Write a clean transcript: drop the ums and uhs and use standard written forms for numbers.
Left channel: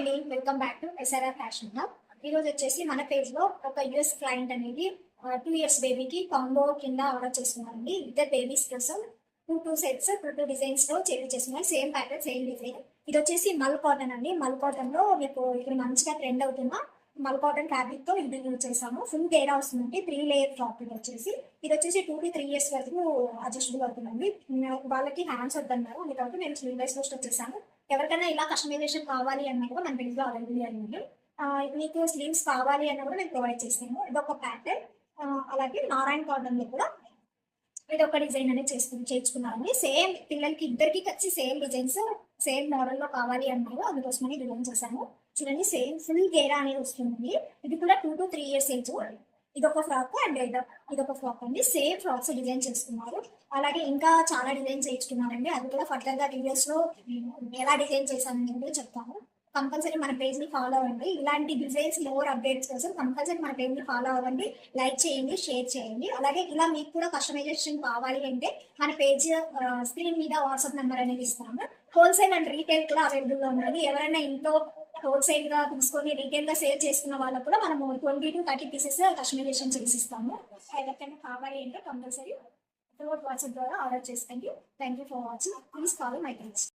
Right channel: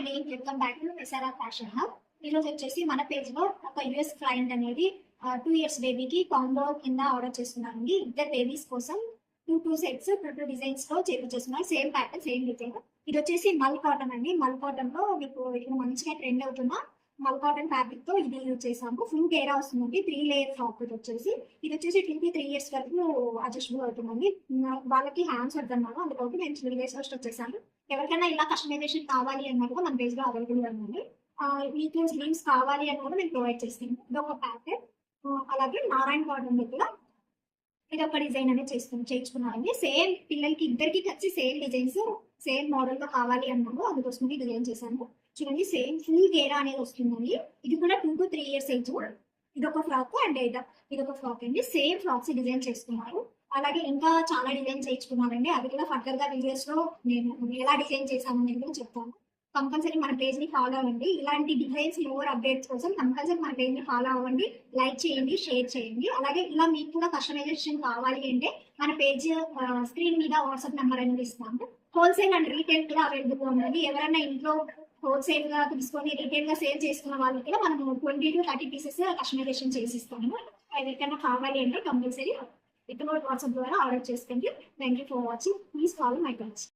అండి, welcome back to SRR fashion hub. ఈరోజు వచ్చేసి మన పేజ్ లో ఒక యూఎస్ క్లయింట్ అనేది 2 years బేబీకి కాంబో కింద ఆర్డర్ చేస్తున్నారండి. ఇద్దరు బేబీస్ కోసం టూ సెట్స్ టూ డిజైన్స్ లో చేస్తున్నారు. Same pattern same design. ఇది వచ్చేసి మల్ కాటన్ అండి. మల్ కాటన్ లో మీకు ఇప్పుడు మంచిగా ట్రెండ్ అవుతున్న మల్ కాటన్ ఫ్యాబ్రిక్ తో ఇది యూజ్ చేసాము. ఫుల్ గేరా వస్తుందండి. 3 layer ఫ్రాక్. ఇది వచ్చేసి 2 to 3 years వరకు అడ్జస్టబుల్ అవుతుందండి. వాళ్ళకి హ్యాండ్స్ వద్దన్నారు, అందుకని మేము స్లీవ్లెస్ లో స్టిచ్ చేసాము. ఎవరికైనా ఇలా కస్టమైజేషన్ కావాలి అన్నది కూడా మన పేజ్ లో అవైలబుల్ ఉంది. మీకు స్లీవ్స్ కావాలి అని కూడా మేము ప్రొవైడ్ చేస్తాము. ఇది ఒక ప్యాటర్న్. అలాగే నారాయణ కాటన్ కూడా ఇది ఒక డిజైన్ అనేది చేర్చుకున్నారండి. సేమ్ పిల్లలకి ఇద్దరికి కలిసి సేమ్ డిజైన్స్ సేమ్ మోడల్ లో కావాలి అన్నారు, అందుకోసమని డిజైన్ చేశాను. చూడండి, సేమ్ ఫుల్ గేరా అనేది వస్తుందండి. ఇది కూడా 2 to 3 years ఏజ్. ఇది ఒక ఫ్రాక్ అండ్ ఇది ఒక ఫ్రాక్ అండి. సేమ్ ఫ్రాక్స్ డిజైన్ చేసుకున్నారు. అలాగే ఇంకా చాలా డిజైన్ చేయించుకున్నారండి. అది కూడా ఫర్దర్ గా వీడియోస్ లో నేను ఎలా డిజైన్ చేశానని కూడా చెప్తాను. కంపల్సరీ మన పేజ్ ని ఫాలో అవ్వండి. ఇలాంటి డిజైన్స్ మోర్ అప్డేట్స్ కోసం కంపల్సరీ మన పేజ్ ని ఫాలో అవ్వండి. లైక్ చేయండి, షేర్ చేయండి. అలాగే ఇలా మీకు కూడా కస్టమైజేషన్ కావాలి అంటే మన పేజ్ స్క్రీన్ మీద వాట్సాప్ నెంబర్ అనేది ఇస్తాము. హోల్సేల్ అండ్ రీటైల్ కూడా అవైలబుల్ గా ఉన్నది. ఎవరైనా ఇంట్లో హోల్సేల్ గా తీసుకొని రీటైల్ గా సేల్ చేసుకున్న వాళ్ళకి కూడా మనము 20 to 30 pieces కస్టమైజేషన్ చేసిస్తాము. ఎవరికైనా కావాలి అంటే కంపల్సరీ వాట్సాప్ ద్వారా ఆర్డర్ చేసుకోండి. Thank you for watching. Please follow my page.